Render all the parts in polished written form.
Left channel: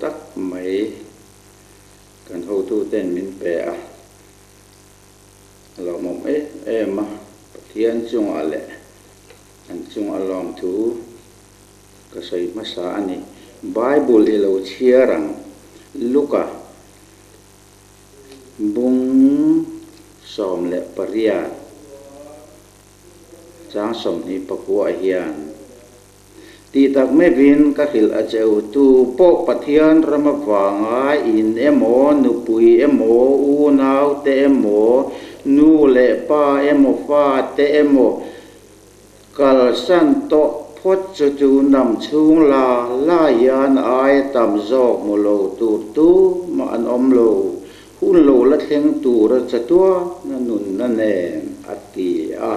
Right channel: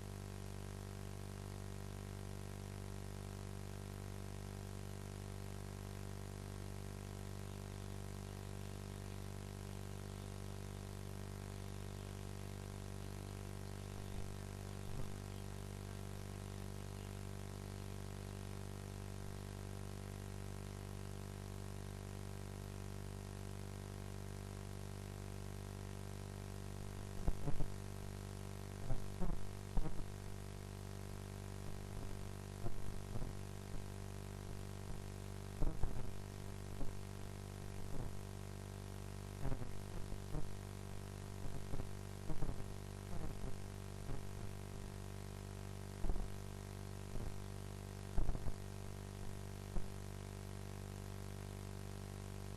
tắc mấy cần hô tu tên min pe à lo mom em mà Pathian chung ale an chung along thu ka sai masa ani Bible ilo chiarang Luka bung som le paria chang som ni pakua hian ti tak me vin ka khil a cheu tu po Pathian ramawanga in emo nupui emo u nau te emo nu le pa emo fa te emo kal san to phot chu chu nam chung la yan ai tam zauh mo lo tu ma an om lo hun lo la thleng tu ra chatua na nun na ne ati a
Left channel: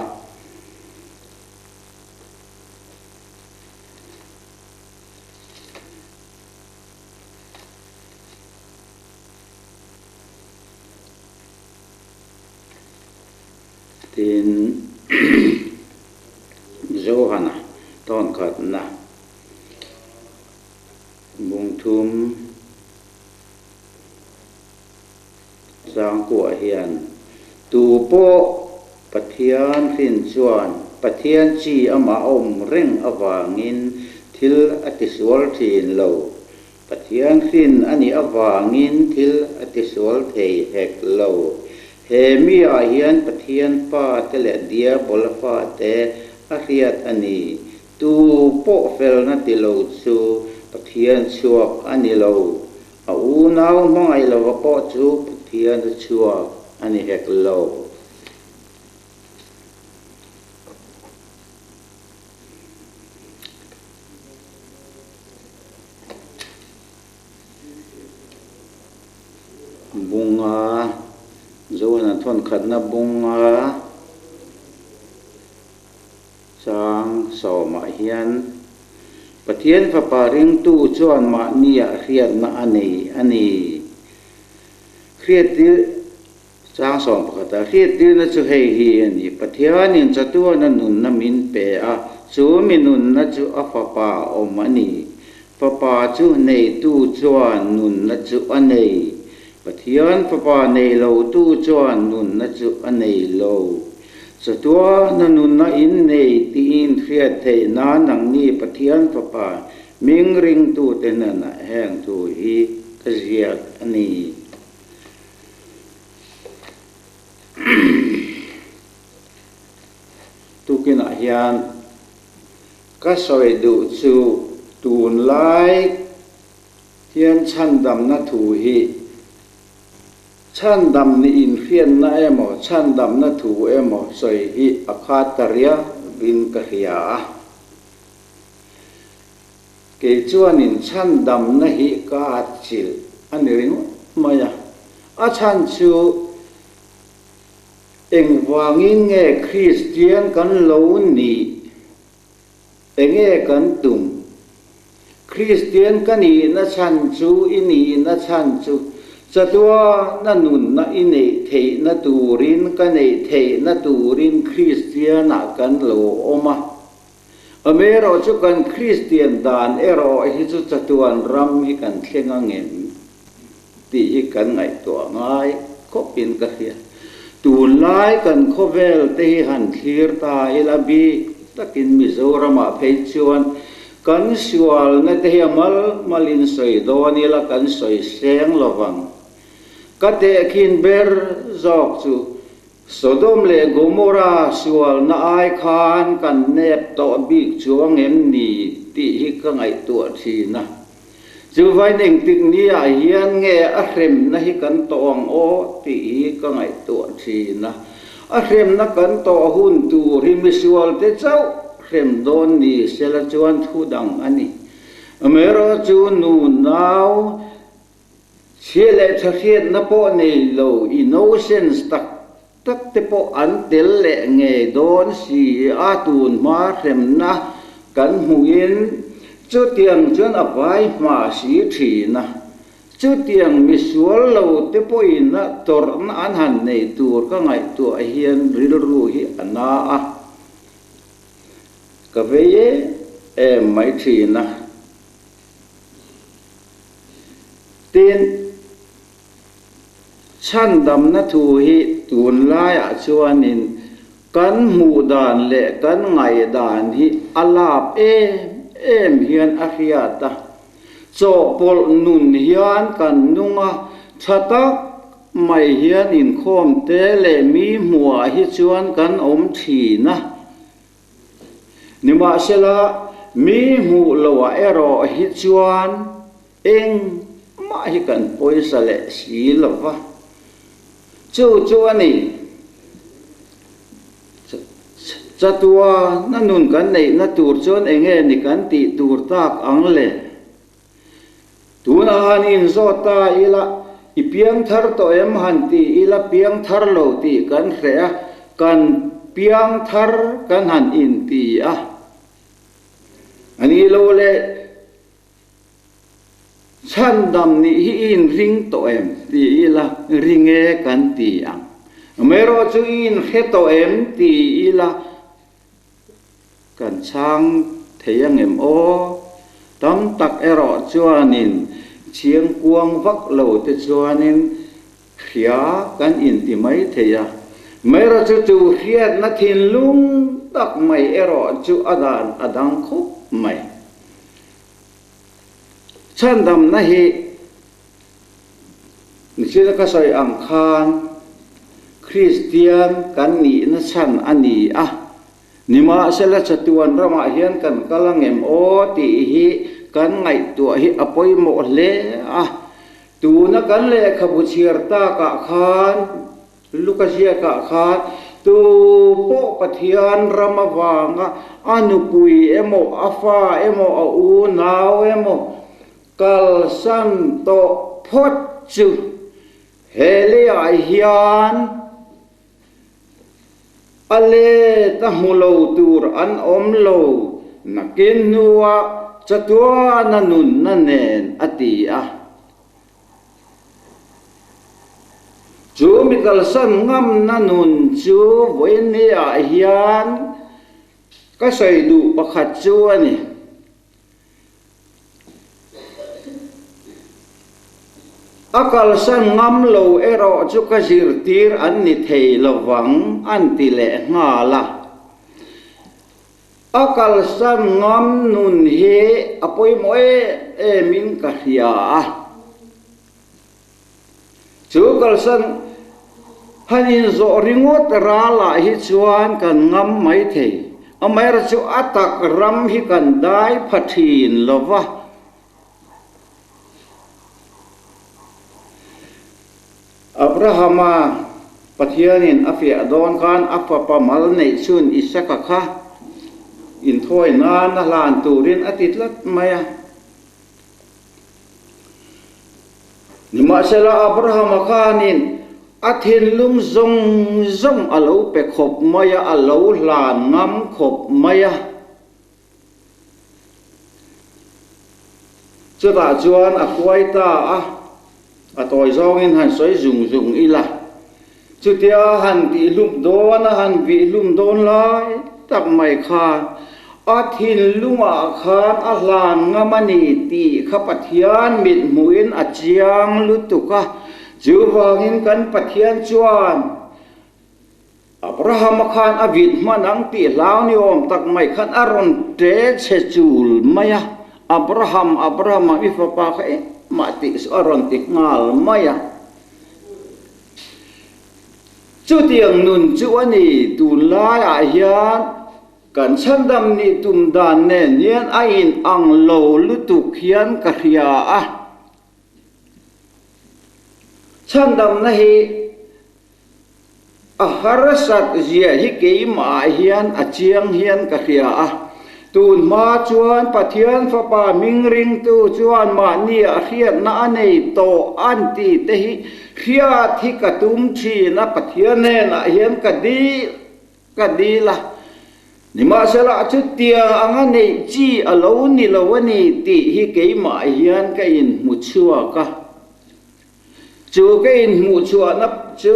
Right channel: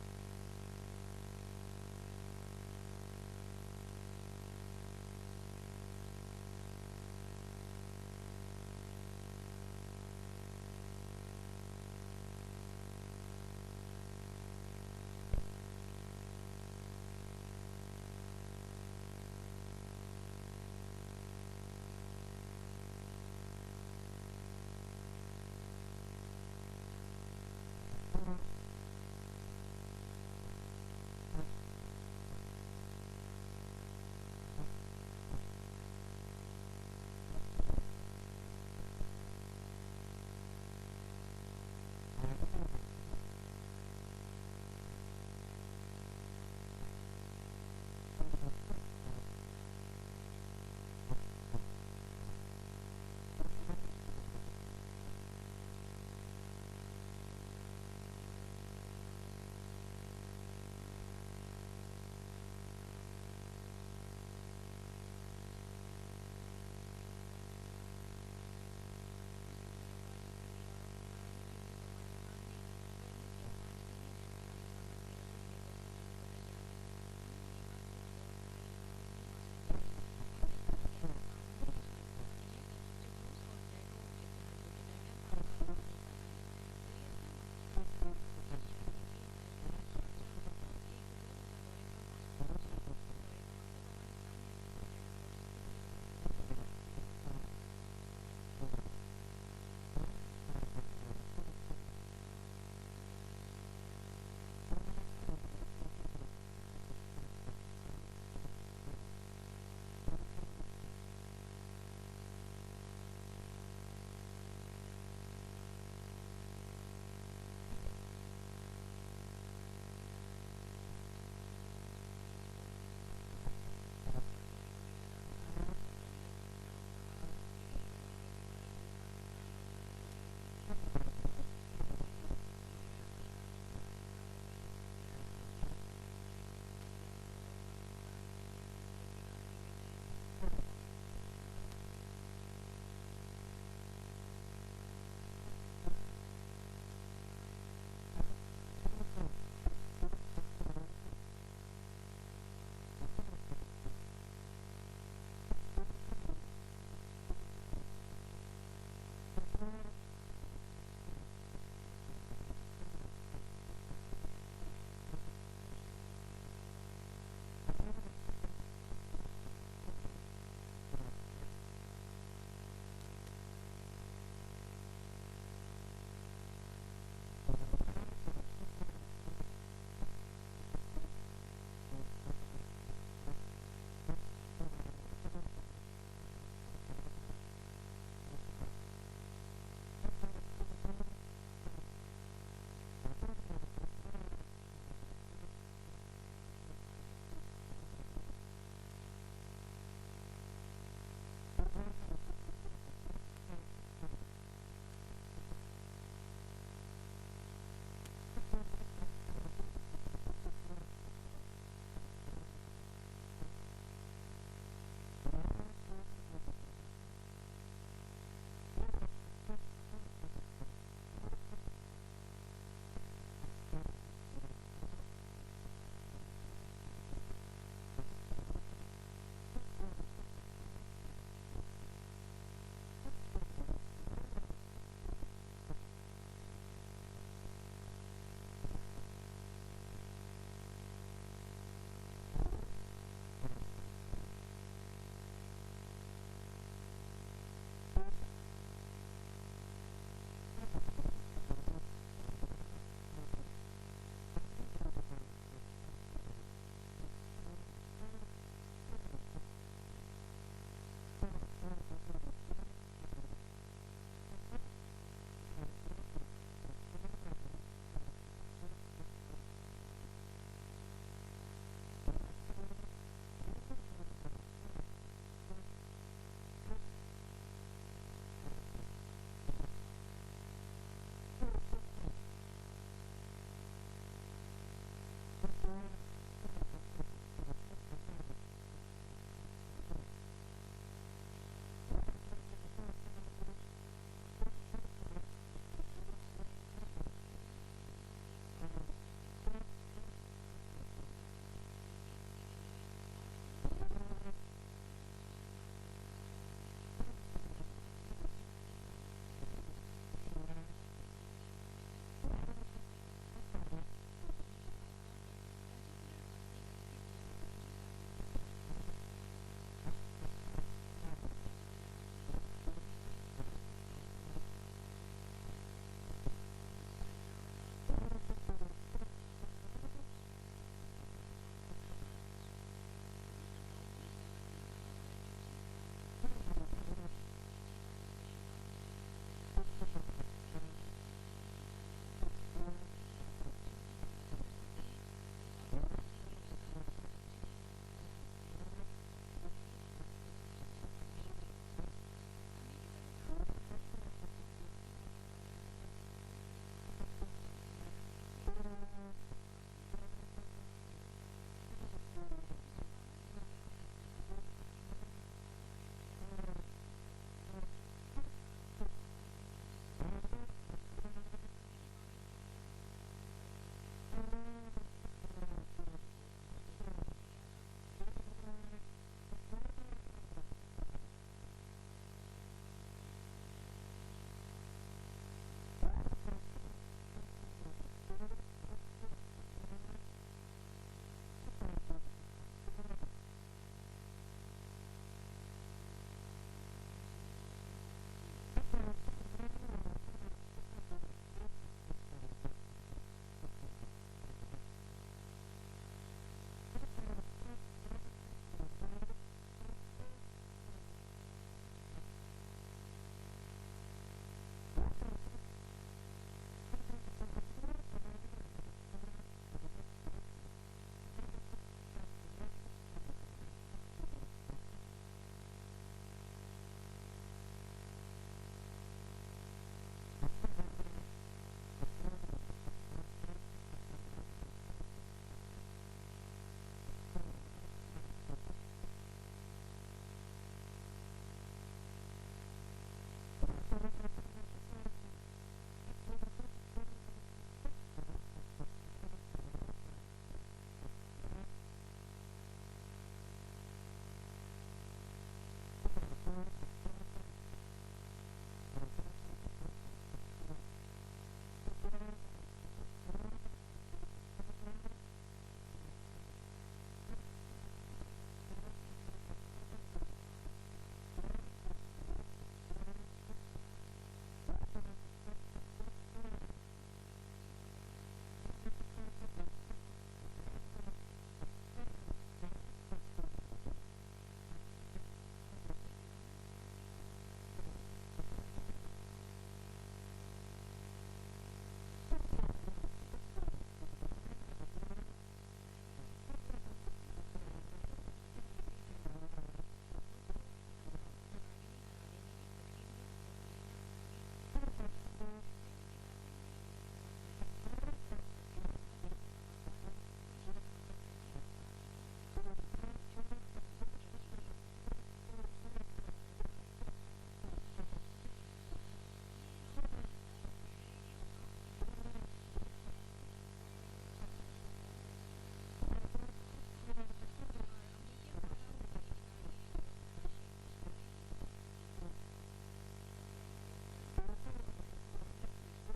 tin Mizo hana tawngtaipui bung thum sang của hiền tu po Pathian fin chuan Pathian chi ama reng awangin thil atisual thin lo Pathian fin ani awangin thil atisual theih hek lo he mi a hian Pathian pa te le dia bol fa te a riat ani tu po fel na ti lo chu Pathian chuak ani lo a u nau mangai lo po chu Pathian chuak ani hek lo bunga zo na thon khat na bunga sang so ma hian Pathian fa paring tu chuan ma nia riat na ani riat ti sang so pakata riat ti na chu hei hi ani Pathian in chatua na nun na min pe a chu minun na chu a fa pa om ani fa pa chu nei tu chuan nun na chu anei Pathian fa pa nei lo tu chuan nun na chu anei lo chatua na nun na in nei ti in riat thei na nang ni Pathian fa pa ming ring tu te na na heng tu hi ka ziak ani tu kina hian ka soi du chu tun lai hian Chhandamna thu hi Chhandam ni in khian na emo Chhandam na thu emo soi hi akhataria bin ka hia ke chuan in Chhandam na hi ka chil ani ring maya a chan chu engwangin nge Christian kan lo ni enge kan tum Christian kani na chan chu ini na chan chu chatua na nun na inei thei na turin kanei thei na turin Christian na kan lo oma amero chu kan Christian dan ero hi chu chatuan ram hi kan thlenga ngem ti hi kan ngai to ngai khopin ka hia tun lai kan khovel te han thlir ta ilabi takin Mizoram a phei chuan kan sual na te mal malin soi don ila kan soi seng lawang kate khin ber zok chu Sodom le Gomora sual na ai khan kan nep to bik chuang em ni ti hi ka ngai tu thi na chu vai ning tik ni a hian nge a hrem na hi kan tong o ti hi ka ngai tu thi na a hrem na kan to hun tu ri mi sual te chau hrem don ni sela chuan thu dang ani amero chu nu nau chile thakhiat na po nei lo innocence tak te po an tel le nge don si atun ma hrem na kan hungin chu tiang chuan a vai ma si thi na chu tiang mi sual lo te po in na tor na an han nei tur ka ngai tu a hian ril ru hi ana a ka veye mai thi na tin Chhandamna thu hi tun lai a chuanin kan mu dan le kan ngai dan hi alap em hian a hriata cho pol nun hian kan nunga thatak mai hian in khom te le mi hmua hi chuan kan om thina nima sela mi mu lowa ero hi chuan eng ma hi kan poisa le si lova chu ani chatua na nun kan nei na tur chuan enge ni kan ti tur tak ang le tuna hanin zota ila ipiang thar to em han ti ila piang thar lo ti kan hrea kan piang thar kan han in ti a ani lo le Chhandam ni hi in ring to em ti ila ringe kan ti ang mero chu in he to em ti ila kan chang theih em o tam tak ero chuanin chiang kuang vak lo te chuanin khia kan in ti mai theia mero chu hiat na thin lung tak mai ero chu adan adang khup mai Chhandamna hi nisila ka soi ang khan Christian kan ni na chan ani a nima sela chatuan rama hian kan kalangem o ti hi kan ngai tu hi apoi mo le a tu na kan le khabu chirta ka khan lukasia ka khan tu po Pathian ramawanga anupui emo afa emo au nau emo kal san to phot chu hele ai hian ale ta mulo tur an om lo nakin nuwa chatua na nun na nen ati a chu mi kal san ngam na nun chu voine a hian ka sai du pakhat chu ani akal san ngam lo ero chu ka zir tir an ni thei lawang an ti le ngala akal san ngam nun he apoi moe min ka hia chu kal san hanin zo ringot rala hi chuan kan ngam mai thei amai ra chu atak ram hi kan dai phathin lova Abrahama Pathianin afia don kan apa pamal nei chun isaka kha in thoi na na lan turin atitlat maya nima sela Abrahama khanin athin lum zong alo pe khop maya alo lan ngam khop maya chuta chuan akwai ta a atoi zongin han soi zung ila chutia han ti lum don han vi lum don lai tak mai khan athin lunga khan ahlan ngamani ti kha Pathian mit muin achiang lutuka juwangin kan Pathian chuan Abraham khan avit manang ti lau ni om tak mai khan aron te chechul maya Abraham ifapa kha mati seorang tikngal maya chu tiang nun chu ani tun lai a hian kan Chhandam ni tum dan ne nian a in ang lo lutuk hian ka hria a Chhandamna hi a harsat zia hi keima hian a chiang hian ka hria a tun ma chuan Pathian fapa mingring tu chuan ma ni a hriat na anei to anti theih hriat hi katum thi na Pathian ne na hian kadila nima sala chu tia anga nei chi alo ni lo ani ti hi keima hian ka in mu chua ka chu ka in mu chua na chu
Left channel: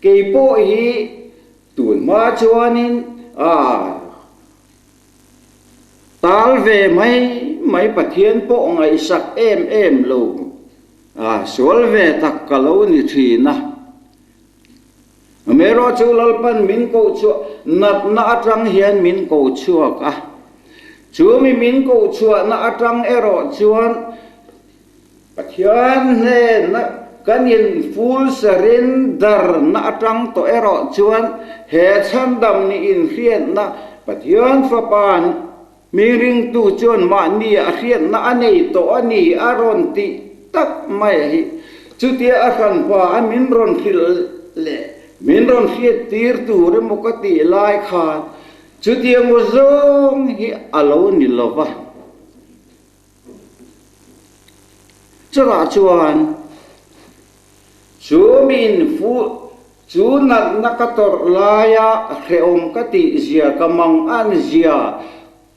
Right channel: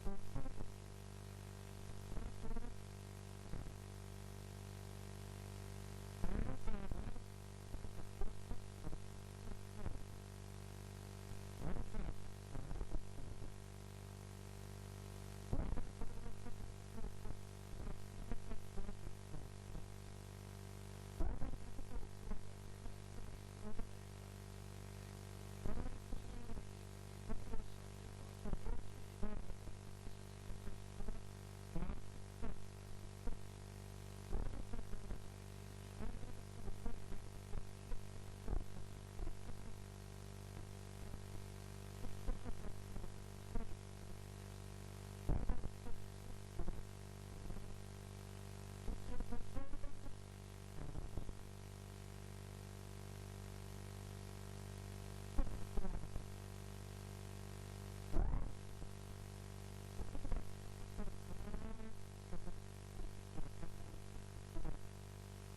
ke po hi tun ma chuanin tal về mấy Pathian po ngai sak em lo sual ve tak kalau ni thina mero chu lalpan min ko chu nat na atang hian min ko chuak a chu mi min ko chua na atang ero chuan Pathian ne na kanin full surrender na atang to ero chuan he Chhandam ni in khian na Pathian fa pan mi ring tu chuan ma ni a khian na anei to ani aron ti tak mai hi chu tia a khan pa a min ron khil le min ron khiat tir tu re mokati lai kha chu tia ngo zong hi alo ni lova chara chuan chu min fu chu nat nakator laya kheom kati zia kamang an zia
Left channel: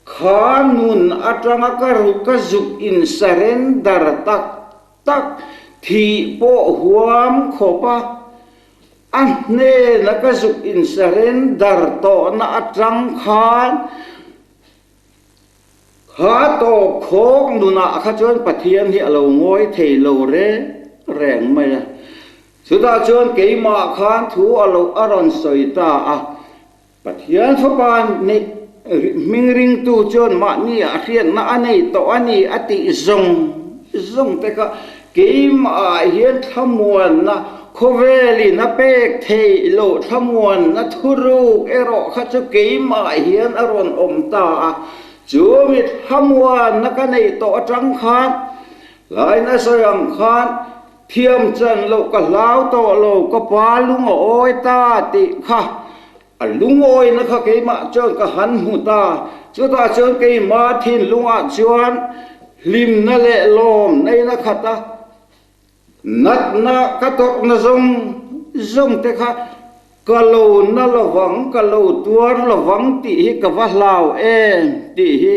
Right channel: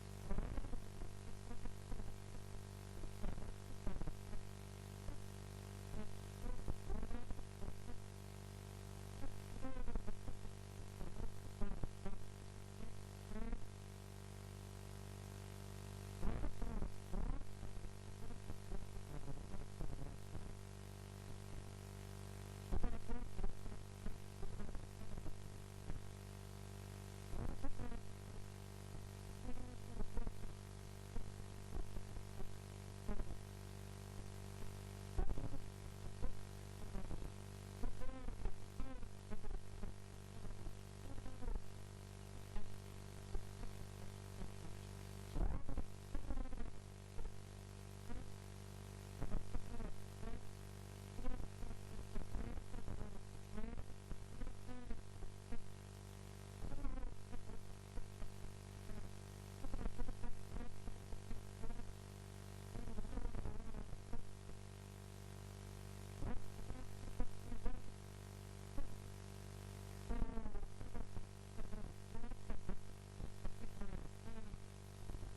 khanun atanga karu kazuk in surrender tak thi po huam khopa anne nakazuk in surrender to na atang khan kha to khok nuna kha chon Pathian hi alo ngoi thei lo re reng mai suda chon keima khan thu alo aron soita a Pathian thopan ne mingring tu chon ma ni a khian na anei to ani ati zong te ka keim a hian thamuan na khoveli na pek thei lo thamuan na thuru ero kha chu keim a hian aron om ta a chu mi thamuan na ka nei to atang khan lai na soyam khan thiam chan lo ka lau to lo ka pa lung oi ta ti kha a lung oi na kha keima chon ka han hu ta chu ta chon keima thin lunga chuan lim na le lom nei na khata nat na katok na zong te kha kalau na lawang kalau tuar lawang ti hi ka va lau ti hi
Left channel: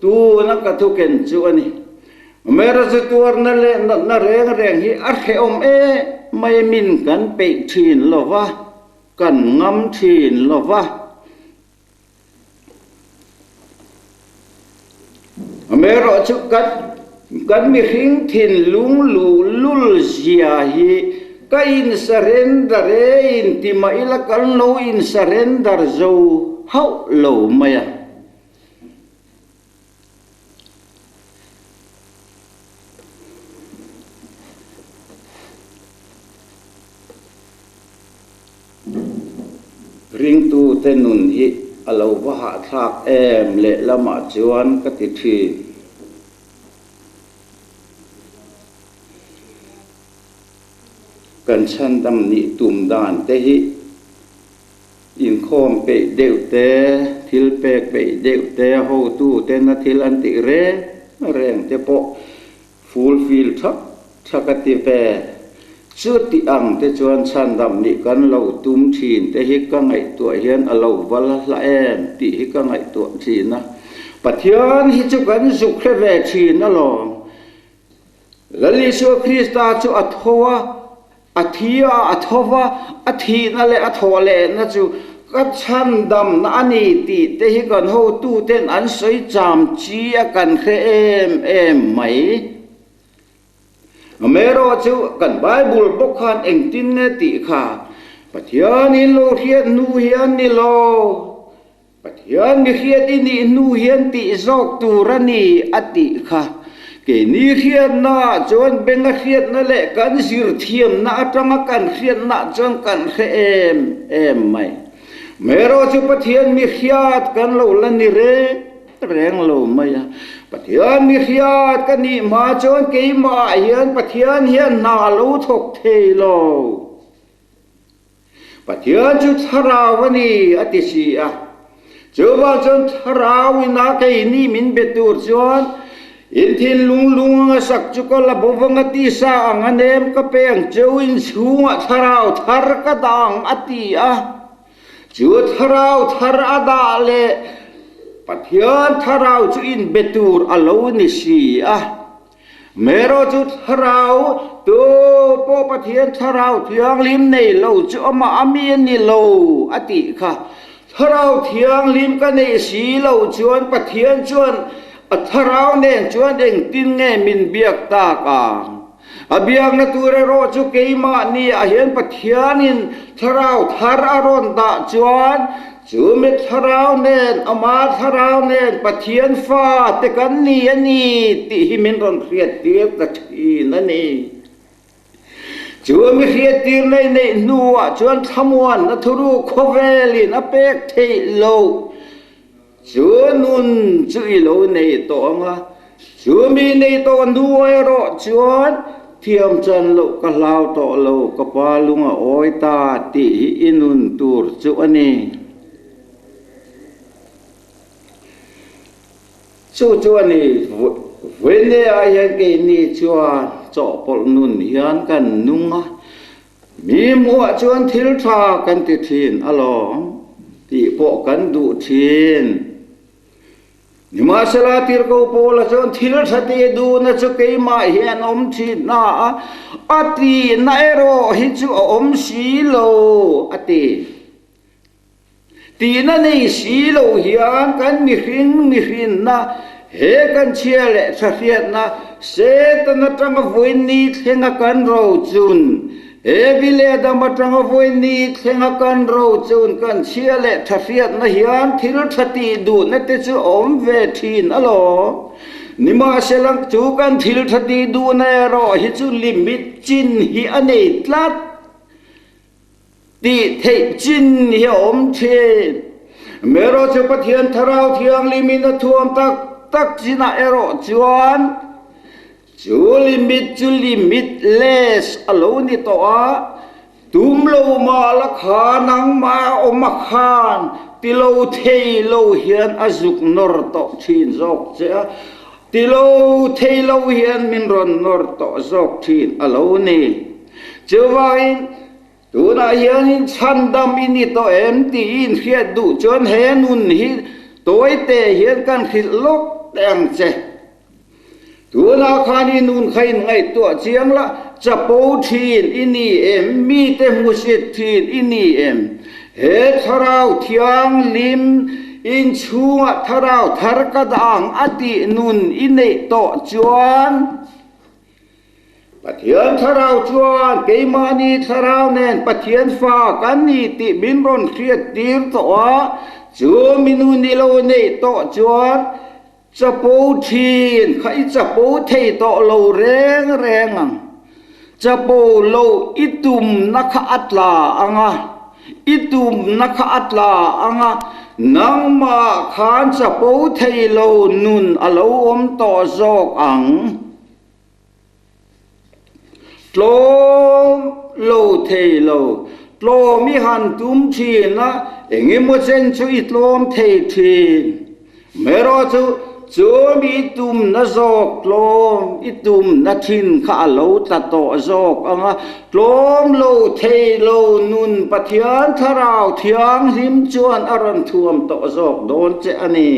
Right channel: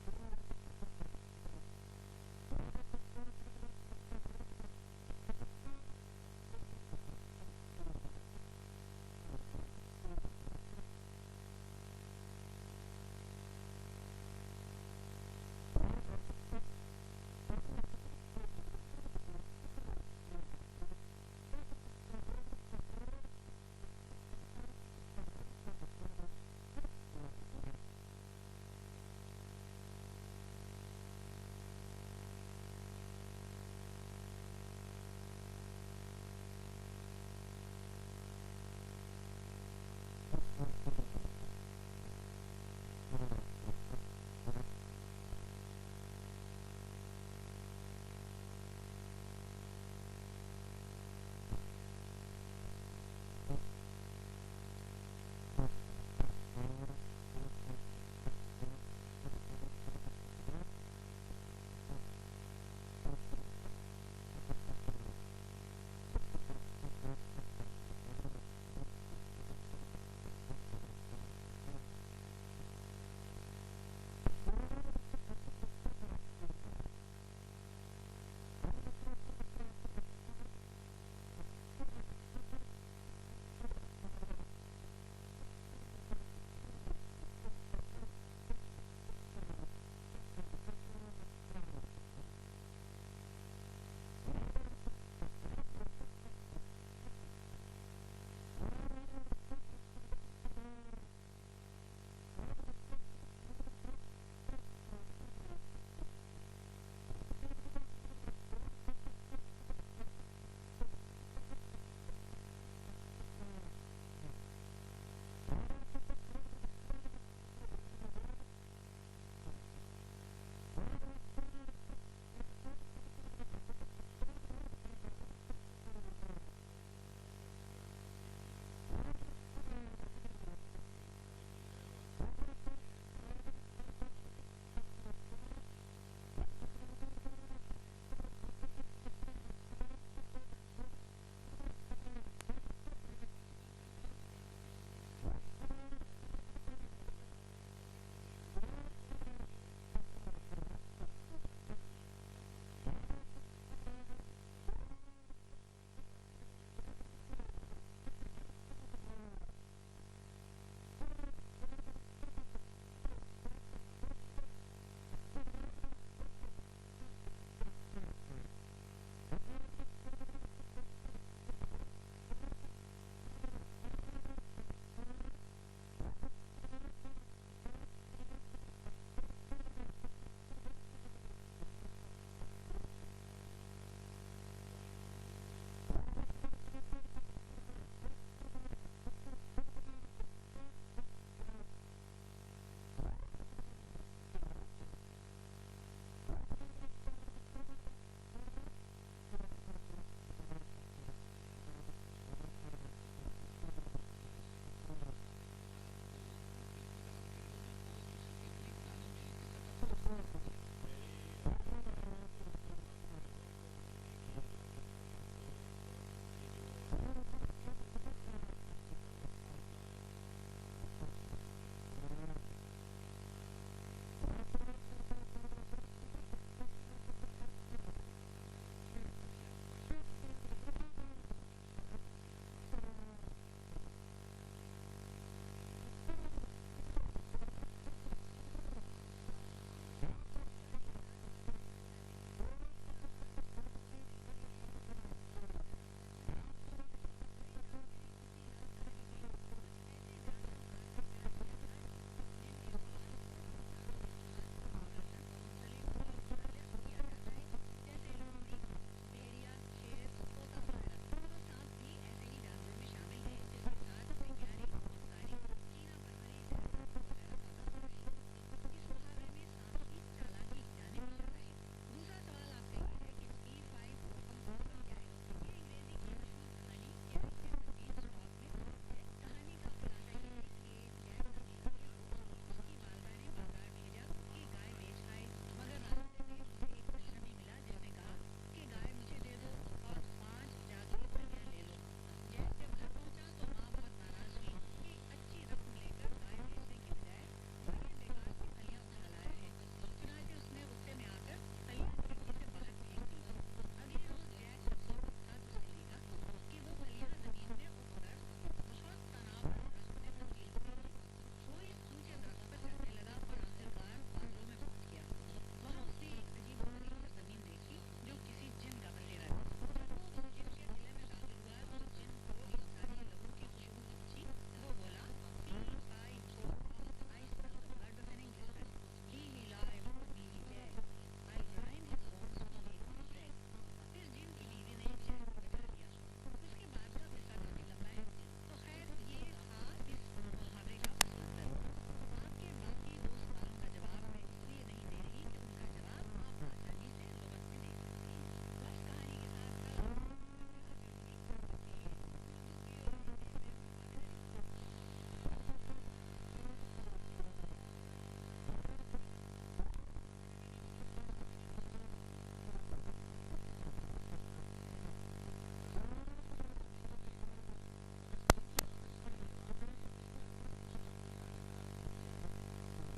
tu na ka thu ken chu ani mera chu tuar na le na reng hi ar khe om mai min kan pe thin lova kan ngam thin lova mero chu kan mi hing thin lung lu lul zia hi ka in surrender in ti ma ila kan no in surrender zo hau lo maya ring tu tenun hi alo wa ha thak le lama chuan ka ti thi kan Chhandam ni tum dan theih in khom pe deu te thil pek pe deu te ho tu te na thil an ti re reng te po fulfill thakati ve chu ti ang te chuan Chhandam ni kan lo tum thin te hi ka ngai tu hian alo wal la ti hi ka ngai tu thin na Pathian hi chu kan zuk khe ve thin na lo lali so Krista chu athowa athia athova athi na le athole na chu ka Chhandam na ani ti te hi kan ho tu ten an soi cham chi a kan khe em mai mero chu kan Bible book khan eng tin ne ti kha Pathian in lo hian nu hian ni lo Pathian ni hian ini nu hian ti zok tu rani ati kha ke ni khian na chon benga khiat na le kan sir thiam na atanga kan khiat na chon kan khe em mai mero chu Pathian mi khiat kan lo la ni re reng lo mai Pathian mi khiat kan ni ma chon ke ma hian Pathian hian na lo thok thei lo Pathian chu tharawani ati si a chu ba chon tharawina ke ni min betur chon in thin lung sak chu ko la bowanga ti sa anganem ka peng chewin chunga tharau thar ka dang ati a chu tharau thar ada le Pathian tharau chu in betur alo ni si a mero chu tharau to po Pathian tharau thiang lim nei lo chu ama ami ni lo ati kha tharau thiang lim ka nei si lo chuan Pathian chuan a tharau nen chuan eng tin nge min biak ta ka apiang na ture ro chu keima ni a hian pathianin tharau thar aron da chuan chu mit tharau nen ama tharau nen pathian fa te kan ni ani ti hi min ron khriat tir ta thi na ni chu mi khriat tir nei nei nuwa chuan thamuan na thuru khovelin a pek thei lo chu nun chu i lo nei to anga chu mi nei to nuai ro chuan thiam chan lo ka lau to lo ka pa lunga oi ta ti inun tur chu ani chu ani vene a yan ke ni chuan cho pol nun hian kan nunga mi mo chuan thil tha kan ti thin along ti po kan du thin nima sala tir ko pola chuan thil thate du na chu keima hian om thin na ati na ero hi chu om si lo ati ti na nei si lo hian kan mi hrin na he kan chiale thriat na se ta na tang voin ni thenga kan ro chun e bile da ma tang voin ni thenga kan ro chun kan chiale thriat na hian thil thati du na te chu om ve thin alo nima selang chu kan thil thati du na ro hi chu limit chin hi anei tlat ti thei chin hi om the mero chu pathian tharau thiang limin na thuam tak china ero chuan chu limit less alo ni to a tum lo ma la kha nang ma om khan ti lo thei lo hian azuk nor to thin zok che ti lo thei lo hian min ron nor to zok thin alo ni chuwain tu na hian in chandam ini to em ti in khiat du chuan he nun hi toy te hian kan khil lok teng che tu na khani nun khain ngai to chiang la chapo thin ini em mi te musit thin ini em he tharau thiang lim in chunga tharau thar ka dang ati nun inei to chuan pathian tharau chuan keimani tharau nen pathian fa kan ni ti min ron khriat tir to a chu minu ni lo nei to chuan chapo thin khai chapo thei to lo reng chapo lo itum nakha atla anga itum nakha atla anga nangma khan chapo thei lo nun alo om to zok ang tlom lo thei lo tlom mi han tum thin na engem mo chen chu itlom thei thin mero chu mi tum na zok tlom itum na thin kha lo ta to zok anga tlom lo thei lo nun pathian tharau thiang him chuan aron thuam to zok don che ani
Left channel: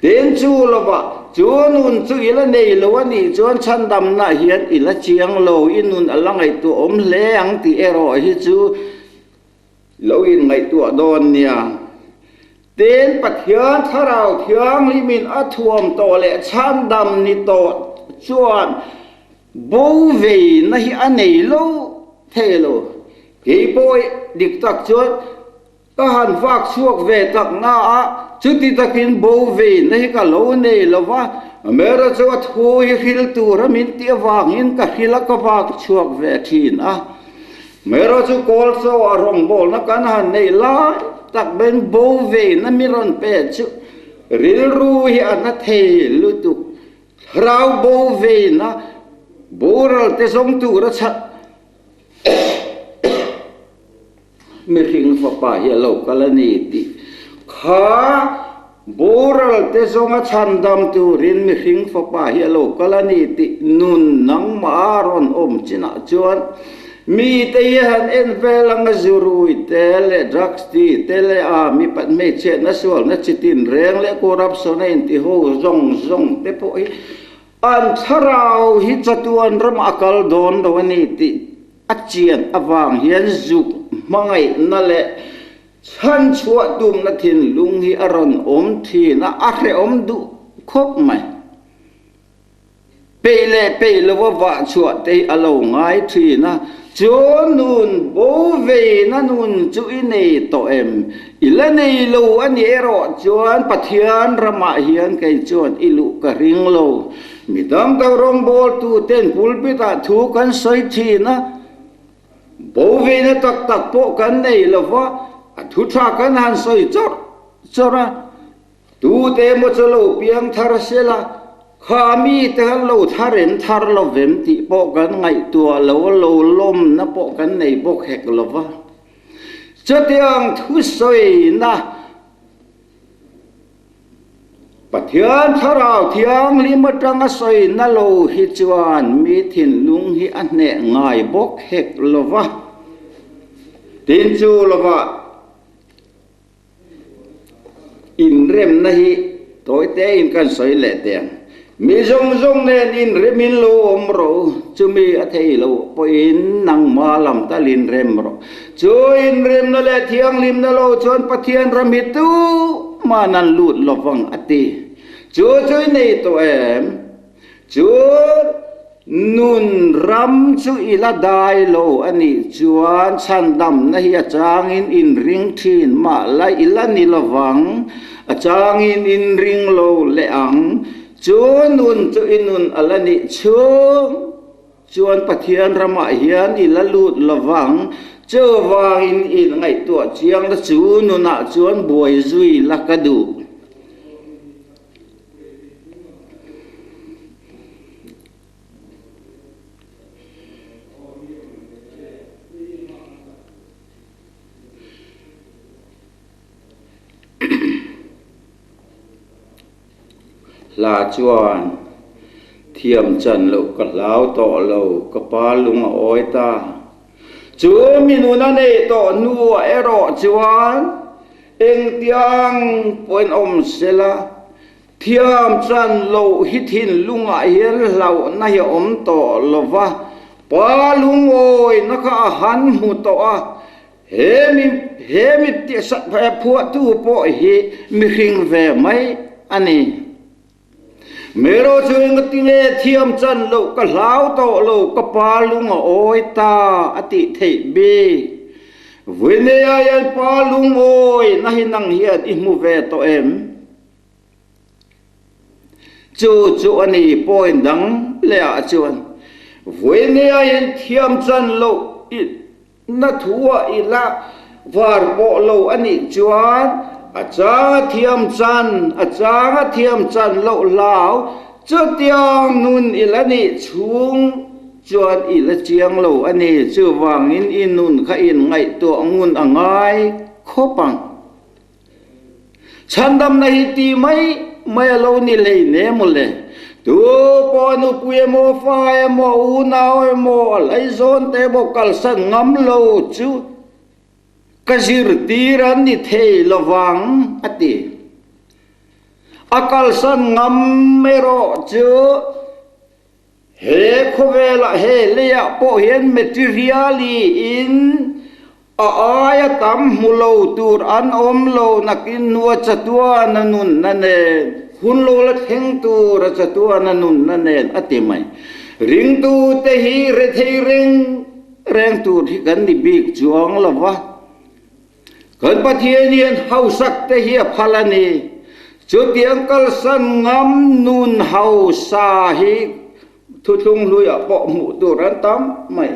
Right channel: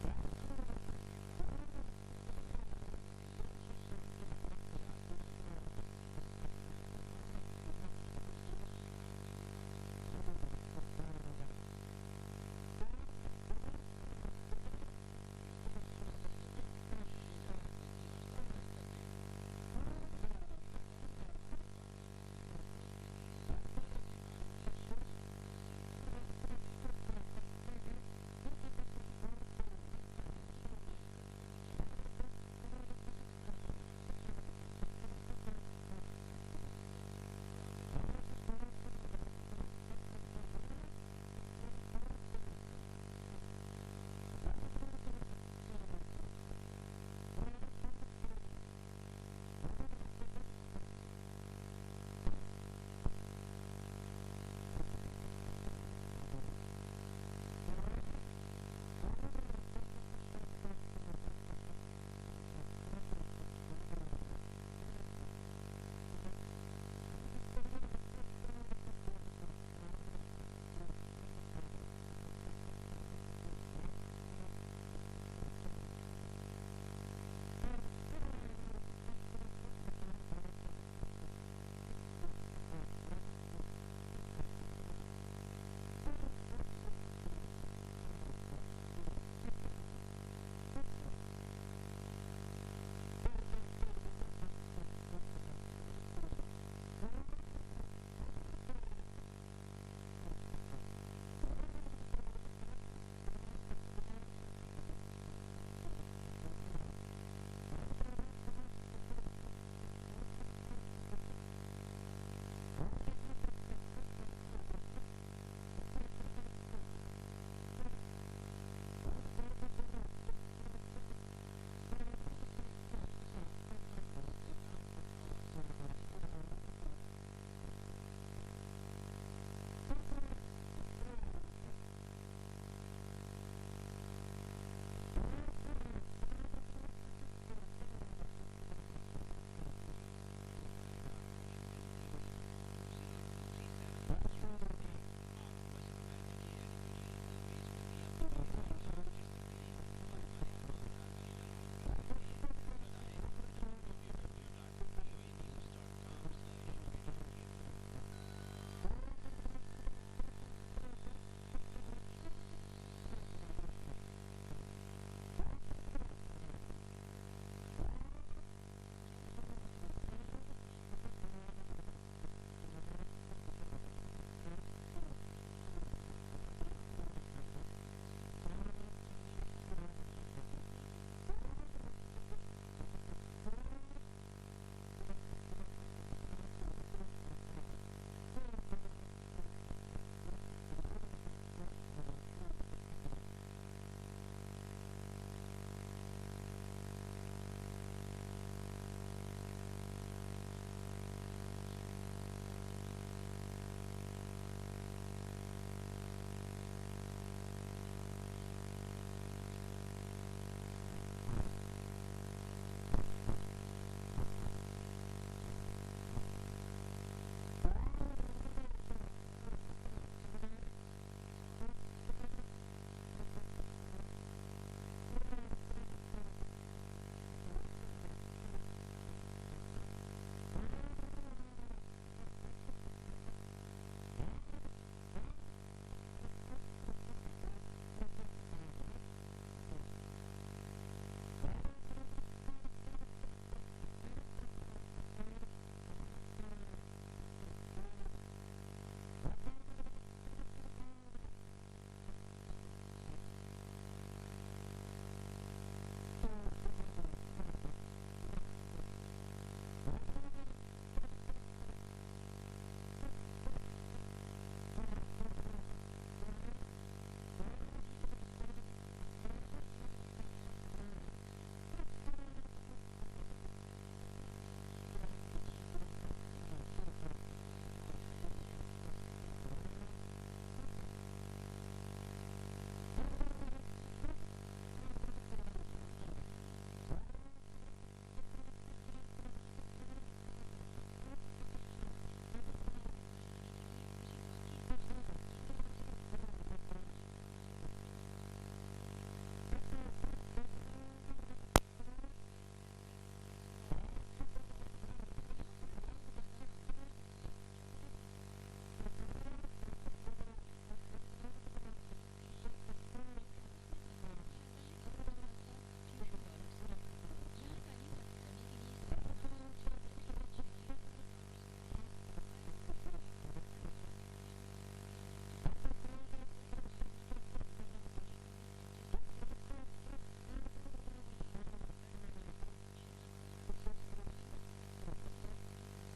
ten chu lo ba chu nun chu ila nei lo ani chuan Chhandamna hian ila chiang lo inun alangai tu om leang ti ero hi chu lo in ngai tu don nia ten pathian tharau thiang limin athuam to le Chhandam ni to chuan bo ve na hi anei lo thelo ke boy dik tak chuan ka han vak suak ve tak na a chuti takin bo ve na hi ka lo nei lo wa mera chu thu hi khil tu ramin ti awangin ka khila ka vak chuak ve thin a mera chu kol so a rawngbawlna kan han nei la tak ben bo ve na miron pe chu ril ru hi ana thei lu tu rau bo ve na boral te song tu ra chat mi ring fa pa hi lo kalani ti kha boral te song a Chhandam tu rin mi ring fa pa hi lo kalani ti nun nang ma ron om china chuan mi te han en velang zurui tele drugs ti tele a mi pat me che na sol na chitin reng le corruption in ti ho zong te po hi an tharau hi chatuan ram akal don do ni ti achian awang hian zuk mangai na le chan chua tum na thin lung hi aron om thi na a hre om du khop mai pe lo wa chuat te alo ngai thi na cho nun bo ve na nun chu ini to em ila nei lo ani ero chuan Pathian rama hian kai chuan ilu ka ring lo midam ta rong bol tu ten pulpit a thu kan soi thi na bo ve na tak po kan nei lo wa a thu tha kan han soi chora tu te mo cholo piang thar sela khami te lo tharen thar lo vem ti po kan ngai tua lo lom na po kan nei bok hek lo wa chatiang thu soi na Pathian tharau thiang limatang soi na lo hi chuan mi thin lung hi an ne ngai bok hek lo wa tin chu lo wa in rem na hi toy te in kan soi le teng mi zong nen in remin lo om ro chu mi a thei lo po in nang ma lam ta lin rem ro chu in rem na le thiang lim na lo chon Pathian ramit tu ma nan lut lo wang ati chu nei to em chu nun ram chu ila dai lo ani chuan Chhandamna hi achangin in ring thin ma lai ila ni lo wang achangin in ring lo le ang chu nun chu inun alani chu chuan Pathian rama hian ila lut lawang chu wangin in ngai tu chiang la chu nuna chuan boi zui lakadu là chuan thiam chan lo ka lao to lo ka pa lung oi ta chu minuna ne to nu ero chuan eng tiang poin om sela thiam chan lo hi thin lunga hian lau na hi om to lova pa lung oi na ka han mu to a he mi ti sa phu tu po hi mi ring ve mai ani mero chuing tile thiam chan lo ka lau to lo ka palung oi ta ati thei be vine ayan palung oi na hinang hian I mu ve to em chu ani point dang le a chuan vine ayan thiam chan lo na thuwa ila var bo lo ani chuan achanga thiam chan lo lao chutiang nun ilani chung chuan ila chiang lo ani chu wangin inun kha in ngai to angun angai khopang Chhandamna hi ti mai lo ni le ne mo le tu po nu pue mo fa mo u nau mo lai zon te bo kal san ngam lo chu kasir tiran ni thei lawang ati akal san ngam mero chu he khovela he leya po hian materiali in aya tam mulo tur an om lo nakin nuwa chatua nanun nane hun lo la theng tu ra chatua nanun nane ati mai ring tu te hi re thei reng tu thi kan ni big chuang lawa kan Pathian hau sak te hi phalani chu tiang kal san ngam nun hau sa hi thu thung lui a po mu tu ran tam mai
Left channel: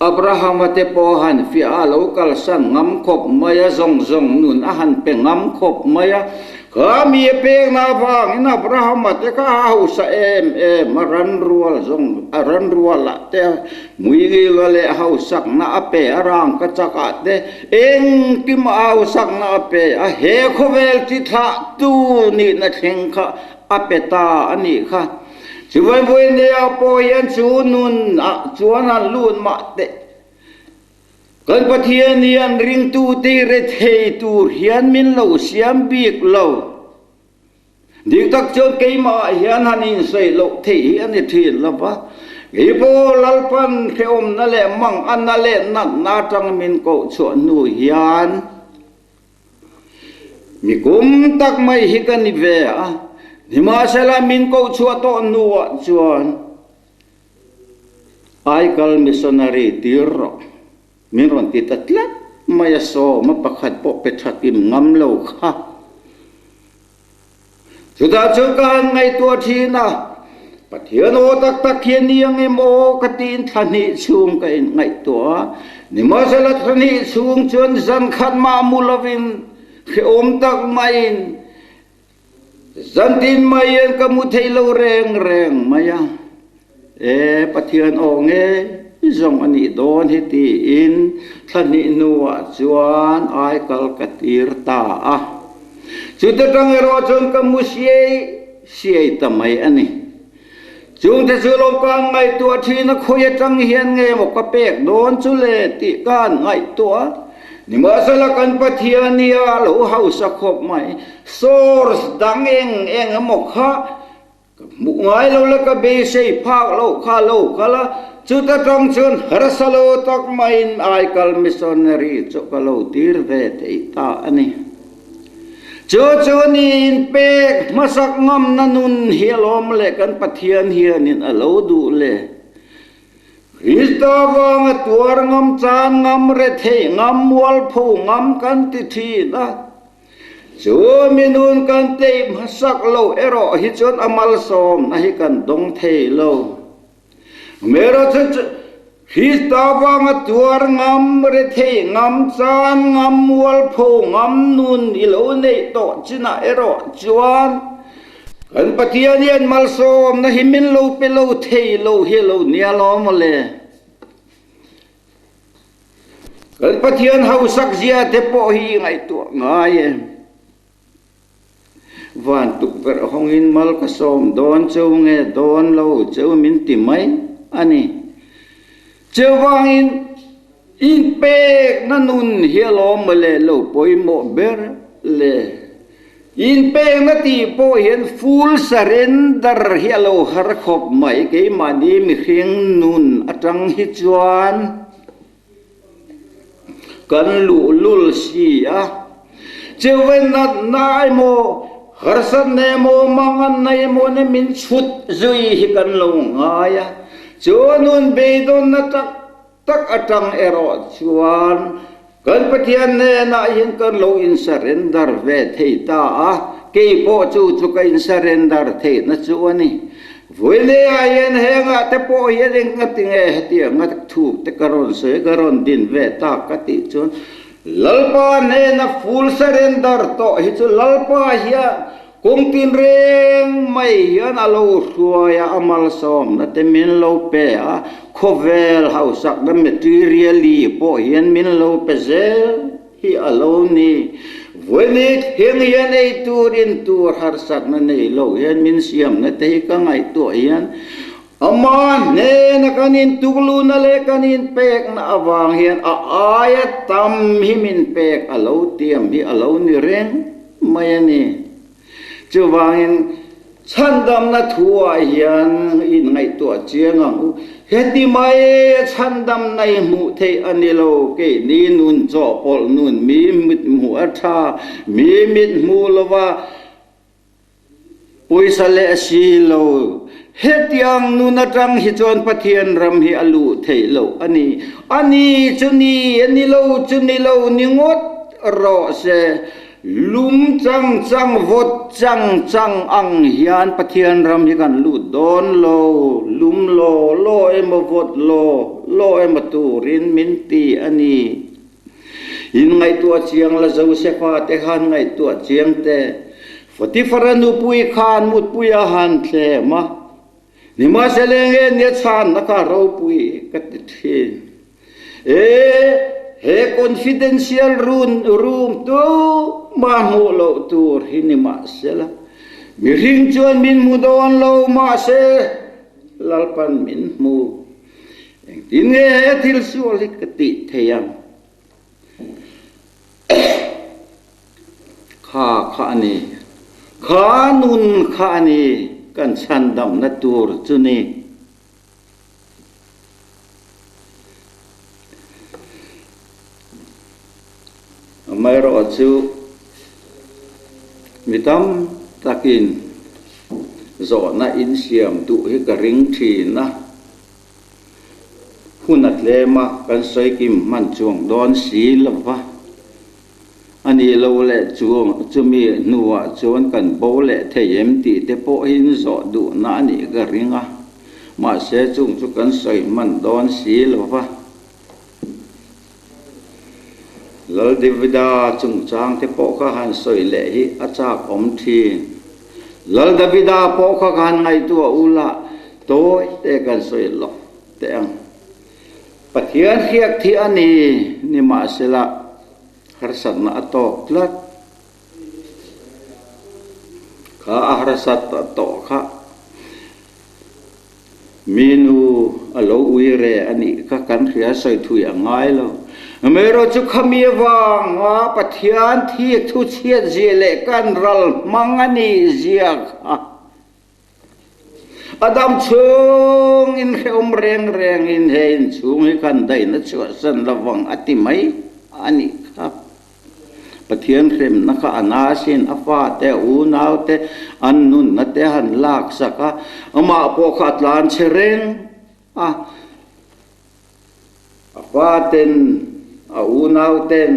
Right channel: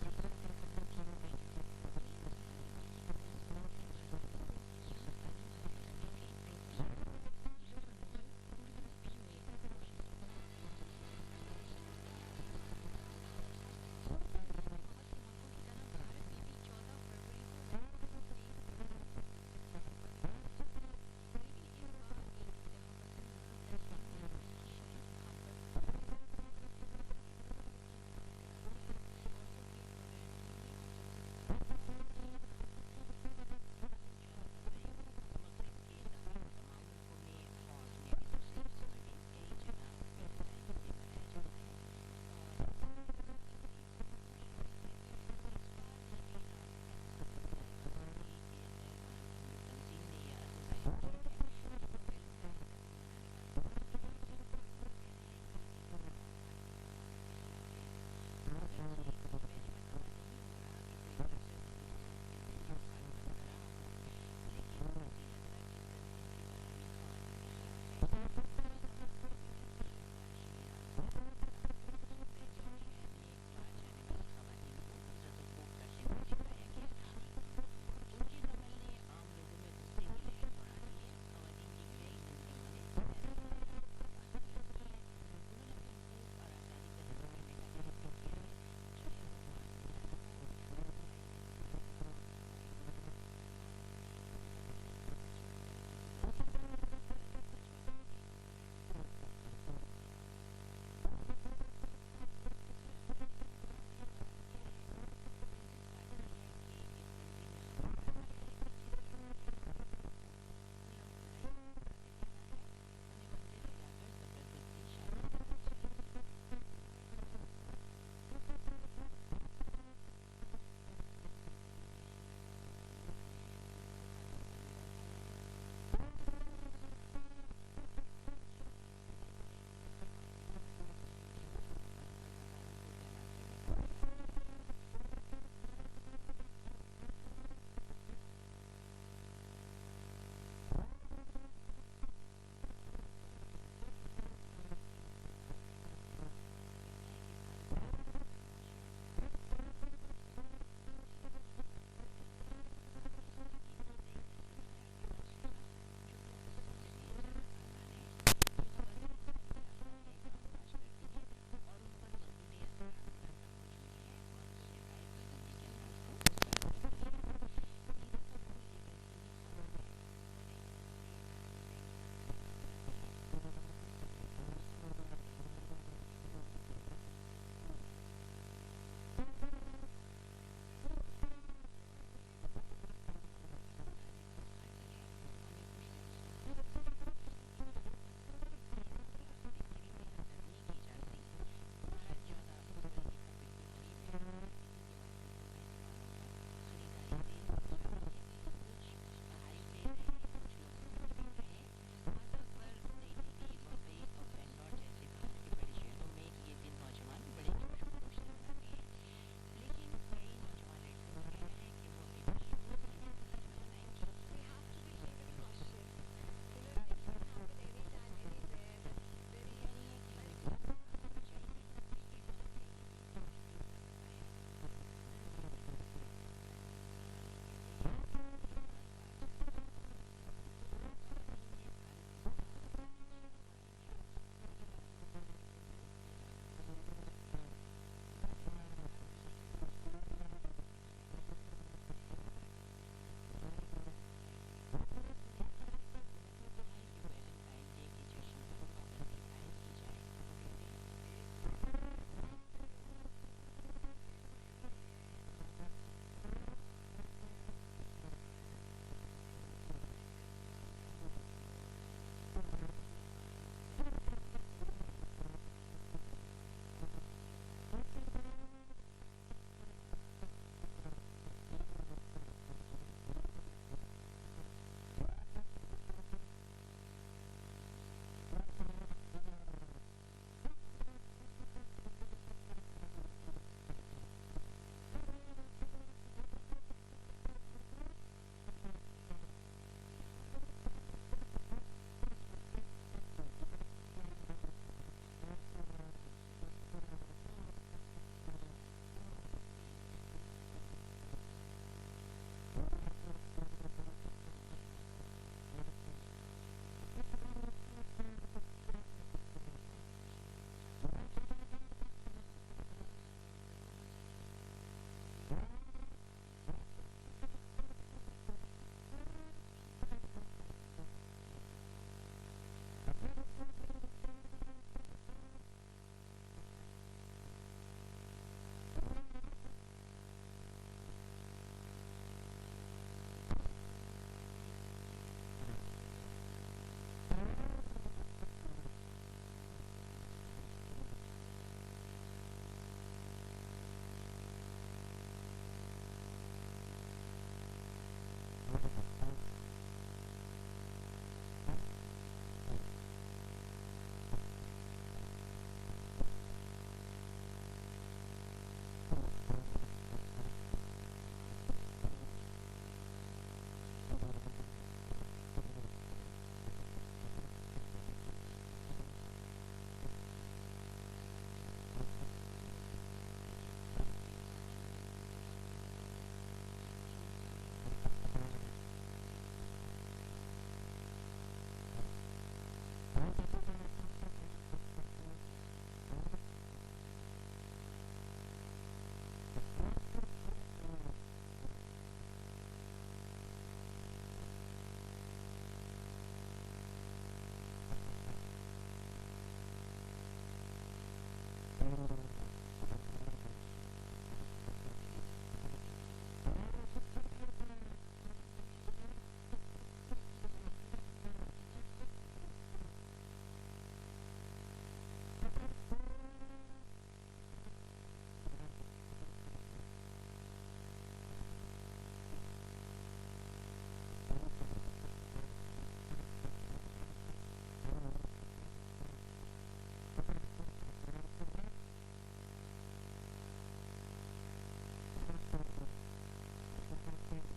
Abraham te po han fi a lo kal san ngam khop maya zong nun a han pe ngam khop maya ka mi pe na bang in Abraham te ka hau sa em ran rual la te mui gi le hau sak na ape arang ka chaka te eng kim au sak na ape a he khovel ti tha tu ni na theng kha ape ta ani kha chuan voi ne a po yan chu nun a chuan an lun ma te kan Pathian yan ring tu ti re thei tu hian min lo siam bik lo dik tak chon ke ma hian hanin sei lo thei an ni thin la ba ipo lalpan ke om na le mang an na le na tang min ko chu nu hian mi kum tak mai hi kan ni ve a ni ma sala min ko chua to nuwa chuan ai kal missionary tirro min ron ti tatla maya so ma pakhat po pethakim ngam lo kha chuda chukan ngai tua thina Pathian o tak tak hian niang emo katin thani chung ka in ngai tua ni ma sala thani chung chuan zan khat ma mulovin khi tak main zantin mayen ka mu thailo reng reng maya Pathian o nge zong ani don hi ti in thani nuwa chuan ai kal katir ta a chuta tang ero chon ka mu siai tamai ani chung te chu lom kan ngai tua thina khoya tang hian nge mo ka pek don chu le ti kan ngai tua ni ma sala kan Pathian nia lo hau sa khop mai source dang eng mo kha mu ngai lo la ka be sei phak lo kha la chu ta tong chun harsalo tak main ai kal missionary chu ka lo tir ve te ta ani chu ni inpe masak ngam nanun hialom le kan Pathian hianin alo du le Istawang tuar ngam chan ngam re theih ngam wal phu ngam kan ti thi na chu minun kan te masak lo ero hi chon amal som na hi kan dong thei lo mero ch Istawang tuar ngam re theih ngam chan ngam wal phu ngam nun ilo nei to china ero chuan kan Pathian hian mal som na himin lo pe lo thei lo hi lo nia lo mo le kan Pathian hau sak zia te po hi ngai tu ngai van tuk per hongin mal ka som don cheu nge don lo cheu min ti mai ani cheu wangin inpe nanun hi lo mo le lo poi mo ber le inpe na ti po hian full surrender hi lo har khop mai ke mani mi khing nun atang hi chuan kan lul si a chewen nai mo harsatna mo mangan nai mo ne min chut zui hi kan lo ngaya chonun beidon na tak atang ero chuan kan Pathian ne na hin kan lo in surrender ve thei ta a ke po chu ka in surrender thei na chu ani voile ayen henga te po hian ngating heti ngat thu te karon se karon din ve ta ka ti chun lalpa ne na full surrender to hi chu lalpa hiya kung tin reng mai hian alo hruaya amal som na te min lo pe a khovel hausak na materially po hian min lo pe zel hi alo ni voile heng hian ei turin tur harsatna nei lo hian min siam na te ka ngai to hian ama ne na kanin tuklu na le kanin pek na awang hian a aya tam hi min pek alo tiam hi alo ni reng mai ani chuwangin Chhandamna thua hian in ngai to chiangang heti mai Chhandamna mu thei anilo ke ni nun cho pol nun mi mit mu atha mi mit mu lova poisa le si lo hetiang nun atang hi chon Pathian ram hi alu thei lo ani chuni anilo ni ngot ro se lum chang vot chang ang hian Pathian ram hi kan lu don lo lum lo em vot lo em turin min ti ani in ngai tu chiang la zau se fa te han ngai tu chiang te foti faranu pui khan mut pui a han tle ma ni ma se lenge ne chan na ka ro pui ka ti thi he confidential room tu ma mu lo tur hini ma sela mi ring chuan min mu don lo ma se lalpan min mu tin nge thil su lik ti theyam kha ni kha nun kha ni kan Chhandamna tur chu ni mai ro chu mitam takin zauh na in siam tu hi ka ring thi na hunat le ma kan soi kim man chuang don si lova ani lo le chuang chumi nuwa chuan kan bo le theih ti te po hin zauh du na ani ka ringa ma se chung chu kan soi man don si lova lal divida chung chang te po kha han soi le hi achak om thi lal divida po kha han ngai tu ula to te kan soi lo te ang Pathian hiak thi ani ni ma sela harsatna atok tlat kha harsatna to kha minu alo uire ani ka kan khia soi thui angai lo mero chu khami wang wa Pathian thi thu chiat zile kan ral mangani zia Adam chung in khom reng in hein chung hi kan dai na chu san lawang ati mai ani khap Pathian rem na kha anasin afa te u nau te an nun na te han lak saka ama po khat lan chereng afa ten a u nau ten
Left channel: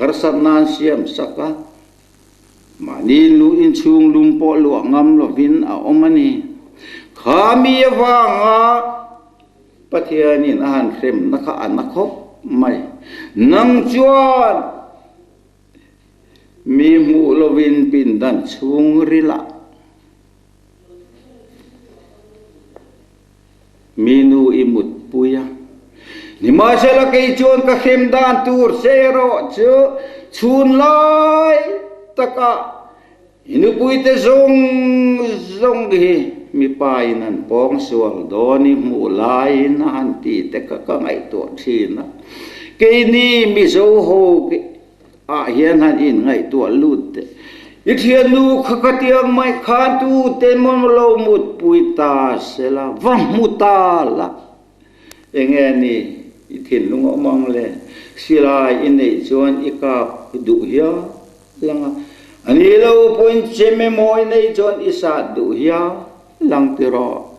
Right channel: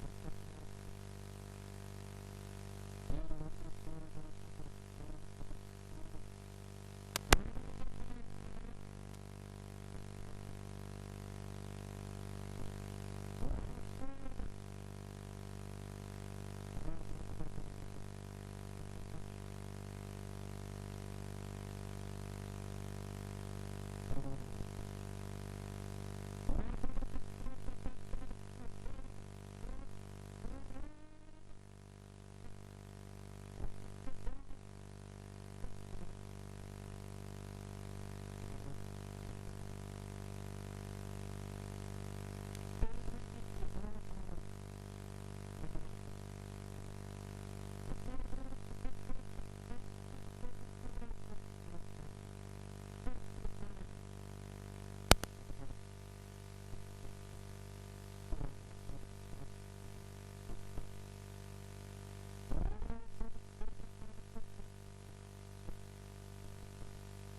harsatna siam saka mani lu in chung lum po lu ngam lo vin a omani khami wanga Pathianin han rem na kha anakhop mai nang chuan mi mu lovin pin dan chung rila minu imut puya ni ma sela kai chuan ka khem dan tur zero chu chun lai taka inu pui te zong hi mi pai nan pong sual doni mu lai na han ti te ka ngai to thina ke ni Mizo ho hian han in ngai to lut te i thian nu kha tiang mai kha tu te mon lo mut pui ta sela va muta la enge ni i thin lung omang le silai in nei chuan i ka du hia langa ani lo point cheme moi nei chuan i sa du hia lang tiro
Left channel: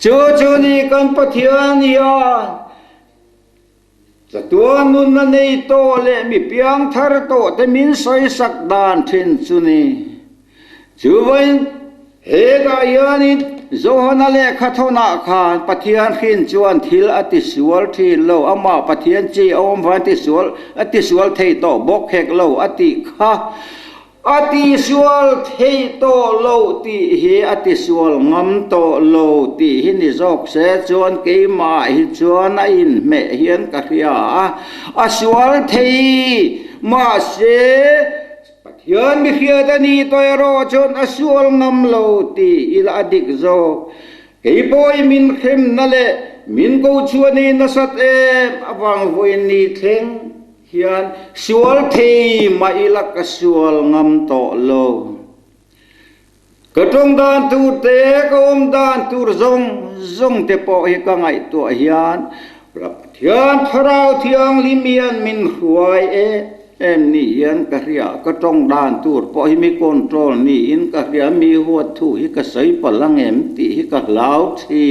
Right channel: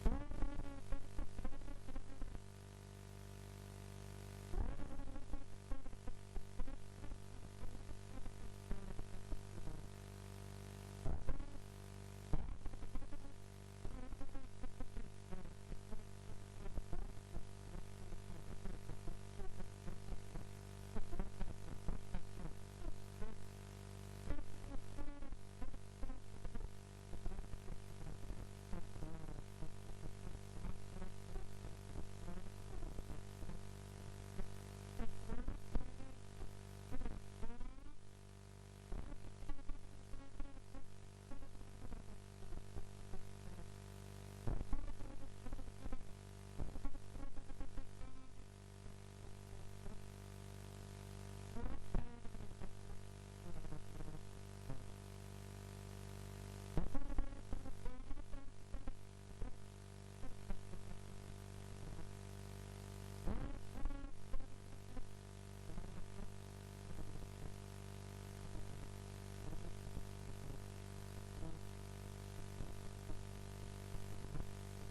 chu ni kan Pathian ya sa tuan nun na nei to le mi piang thar to te min soi sak dan thin chu ni chu vain he ga yani zohana le khathona khan Pathian khin chuan thil ati sual thin lo ama Pathian chi om van ati sual thei to bawk hek lo ati kha ati sual thei to lo ti hi ati sual ngam to lo ti hi ni jok se chuan ke ma hi chuan a in me hian ka ria a sual thei ma se Pathian mi khia da ni toy ro chuan a sual ngam lo ti ila adik zo ke boy min khem na le min ko chuan ni na sat awang voin ni thleng hian sual thei ma ila ka sual ngam to lo ka tong dan tu te ka om dan tur zong te po hi ka ngai to hian Pathian tharau thiang limian min huai em ni hian ka ria ka tong dan tur po hi mi control ni in ka ria mi huat thu hi ka sai palang em ti hi ka lau thi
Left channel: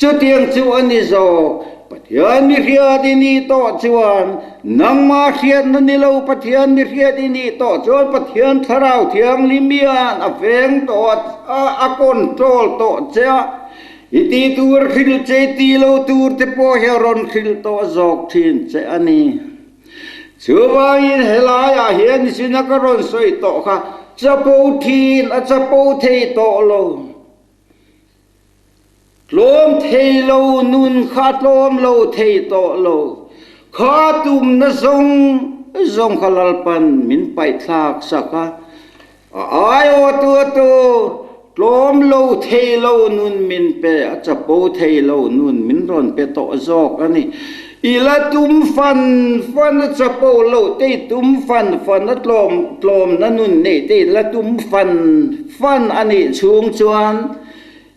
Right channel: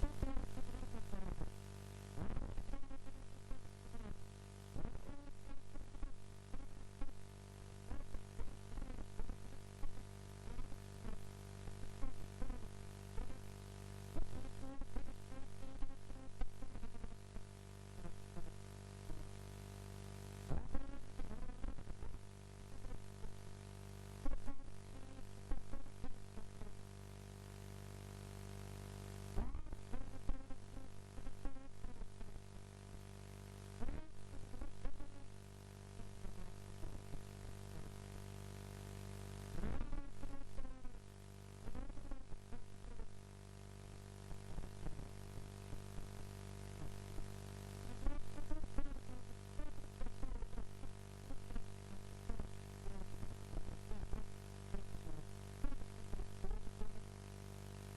chu tiang chu ani zo Pathian mi khia di ni to chuan nang ma khiat na ni lo Pathian mi khia di ni to chuan Pathian tharau thiang limian a veng to a control to cha iti tur khil che ti lo tur te po heron khil to zok thin che ani chuwa in helaya hian sinakaron soi to kha chapo thin a chapo thei to lo lom thei lo nun khat lom lo thei to lo kha tum na zong khalal pan min pai thak saka ai o tu lom lo thei lo nun min pe chapo thei lo nun min ron pe to zok ani ila tum fan chapo lo te tum fan na tlom na nun nei te la tum fan ani chung chuan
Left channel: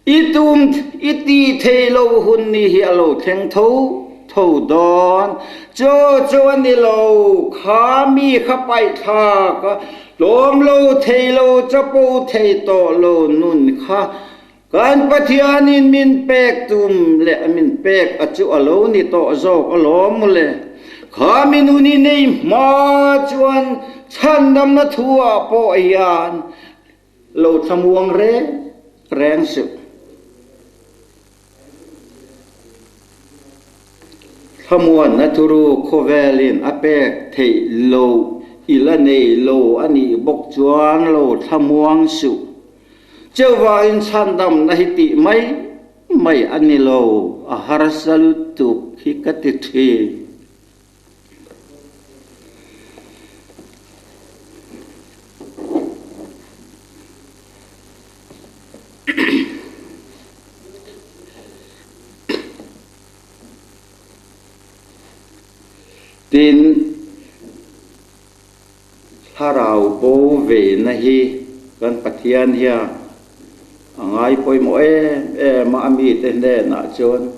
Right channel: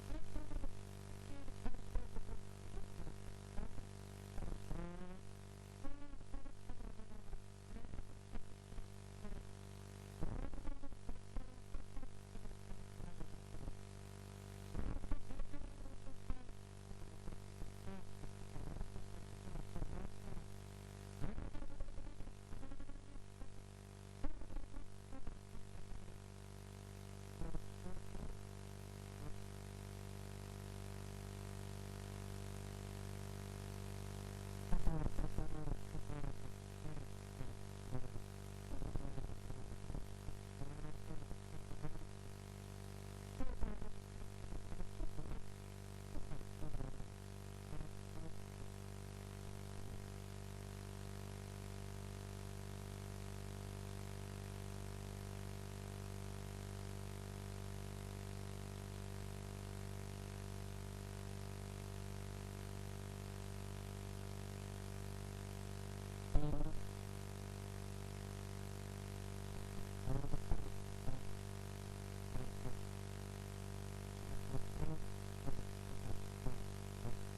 itum iti thelo hun ni hi alo theng tho don cho ani lo kha mi kha pai tha ka lom lo thei lo chapo thei to lo nun kha kan Pathian in min pek tum le min pek achu alo ni to zok alom le kha minuni nei ma chuan Chhandamna thua po yan lo thamuang reng su thamuan na thuru khovelin apek thei lo ila nei lo ani bok chuan lo thamuang su Jawa in Chhandamna hiti mai ani lo a harsalutuk hikatithi tin tharau bo ve na hi kan Pathian hia angai poi mo ma ami te ne na chon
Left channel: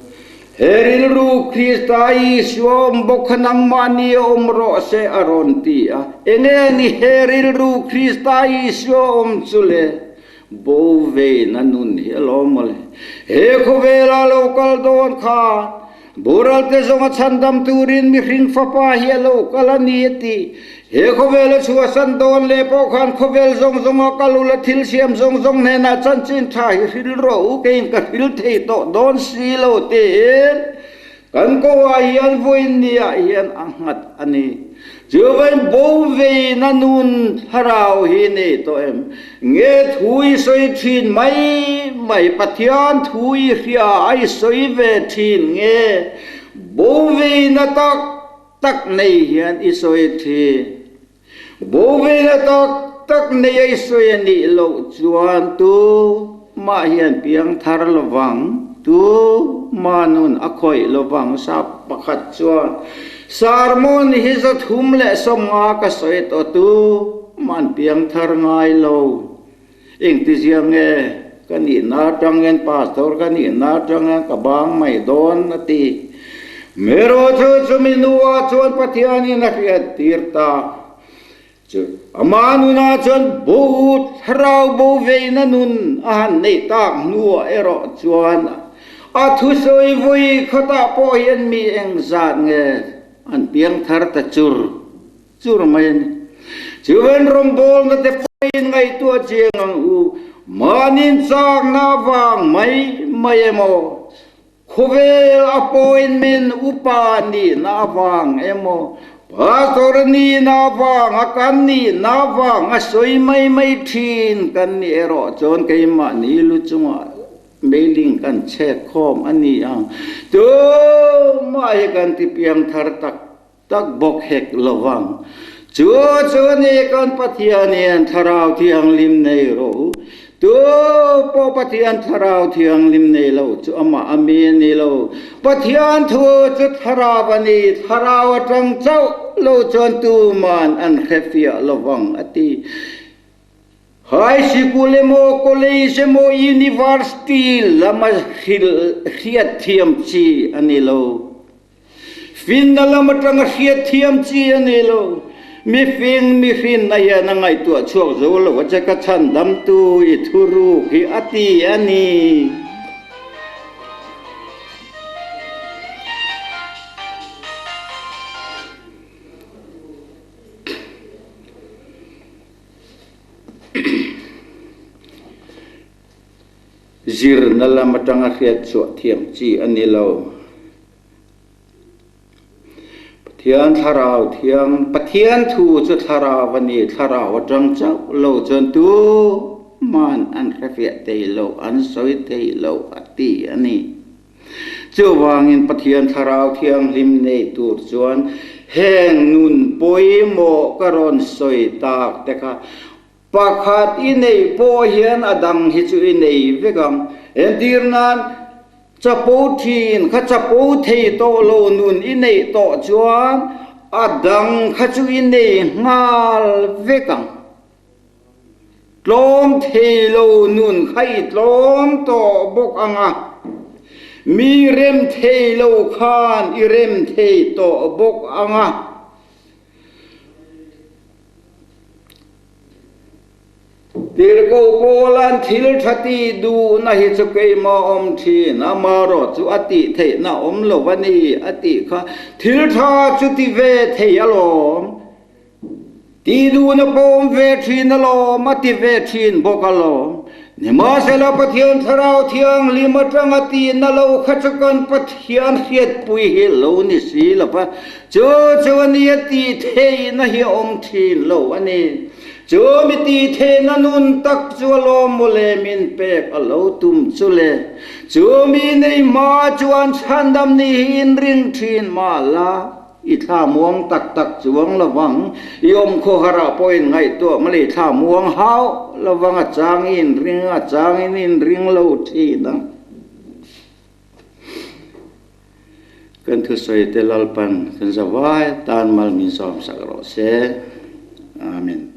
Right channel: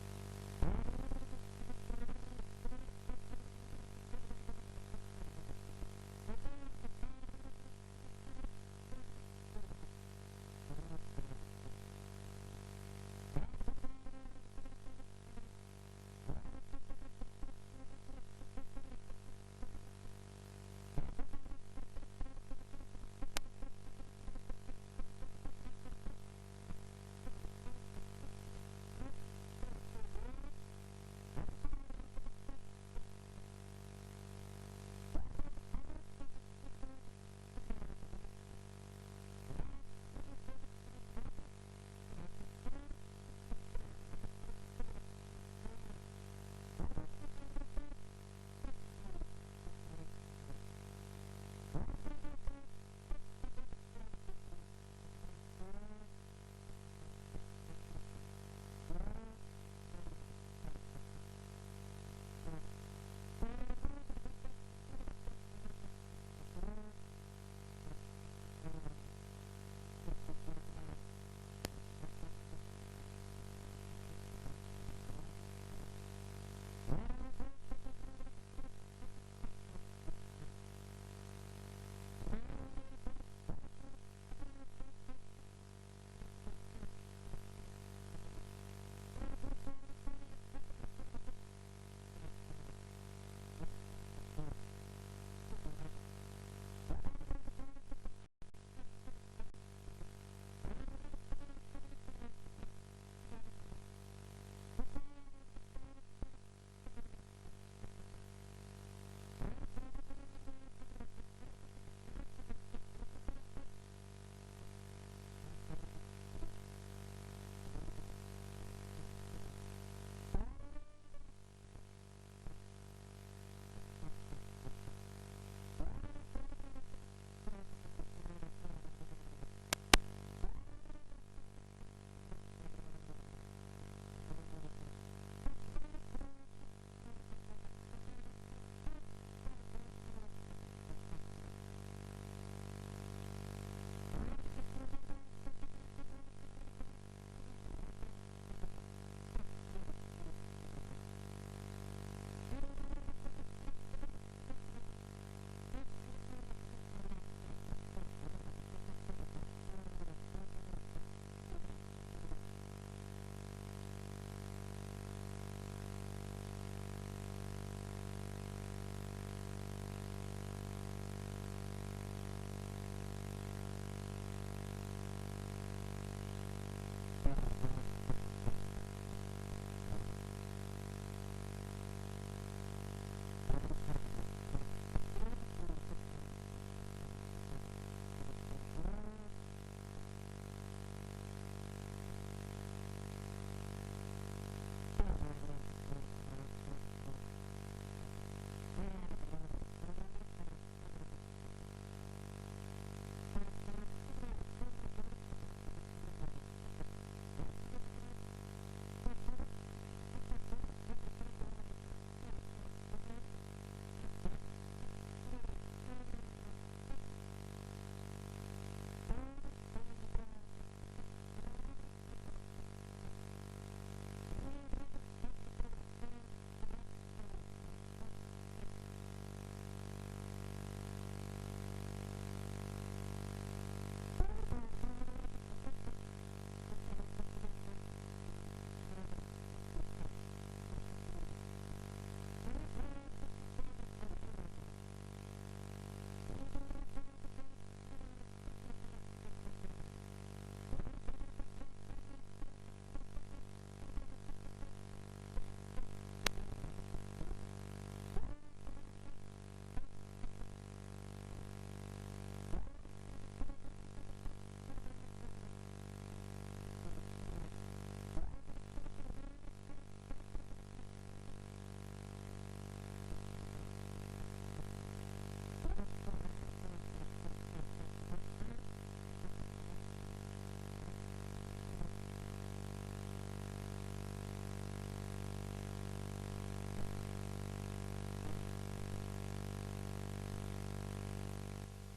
heril ru Kristai swom bokhanang mani omro se aron ti a enge ni heril ru Kristai swom chule bo ve na nun hi lomole he khovela lokal don kha Bural te zonga Chhandam turin mi ring fapa hielo kalanieti he khovel chua san don le pokhan khovel zong zonga kalula thil siam zong zong ne na chan chin tha hi hil ro kein ka hil thei to don silo te kan ko wa hian voin ni a hian angat ani Juven bove na nun harau hi ne to em nge thui soi thin mai Pathian thui ria ai soi ve thin nge bove na tak nei hian i soi thi bove na tak nei ai soi ni lo chuan tu ma hian piang thar lawang tu manun akhoi lawang sa pakhat chuan Sarmon his at humle somma ka soit o tu man piang thar ngai lo ing ti siang nge kani na tangen pastor kani na tangen ka bang mai don ati mero chu minua chuan Pathian in a tirta chu amanu na chuan but harau bo ve na nun an nei tak nuwa ero chuan a thu soi vui khata po hian mi eng zat nge an piang thar ta chur mai chuan rawngbawlna te poin ngai tu chiang ang u manin chang na wang mai emo khovel appointment upa ni na wang emo pastor ni na wang akan ni na wang asoi mai thin kan ni ero chon kai ma ni lu chunga mailing kan check khom ani ang to mai kan ti piang thar tak bok hek lawang chu ne kan Pathian en tharau thiang lim nei ro to po Pathian tharau thiang lim nei lo chu ama ami ni lo Pathian thu chu tharawani tharau atang chau lo chon tu man an khefia lawang ati High school mo college mo university lama khiat thiam chi anilo fin na lama tang khiat thiam chi anilo mi fin na ya na ngai tu chuak zo lo cha ka Chhandam tu I thuru ki ati ani zir nala matanga khiat chu thiam chi anilo Pathian tharau thiang Pathian thu chu tharawani tharau atang chau lo chon tu man an khafia te lo an soi te lo ati ani chu wangin Pathian tharau thiang lim nei tur chuan heng nun poi mo karon soi tak teka pakhat inei po hian adang hi chu inei vekam endirnan chapo thin kha chapo thei to lo nun inei to chuan adang kha chu inei ngal vekam tlom thei lo nun khai tlom to bok anga mi rem thei lo khan I rem thei to bok anga tir ko polan thil thati du na hi chu ke ma om thi na ma ro chu ati the na om lo wani ati kha thil tha chu ti ve the alo ti du na pom ve thin alo ma ti ve thin bokalo ni ma se la pathian tharau thiang li ma tang ati na lo khachakan pathian hiat pui hi lo ni si la pa cho cho ni ati the na hi om thin lo ani cho mi ti the na nun tak chu lo mo le min pe alo tum chu le cho mi nei ma chuan Chhandam ni in ring thin ma la i tha muang tak tak chuang lawang yom Kohhran point ngai to ma le tha muang hau lawang a chang in ring lo thi na kan thu soi te lalpan kan zawai tan mal min som sakro se amen.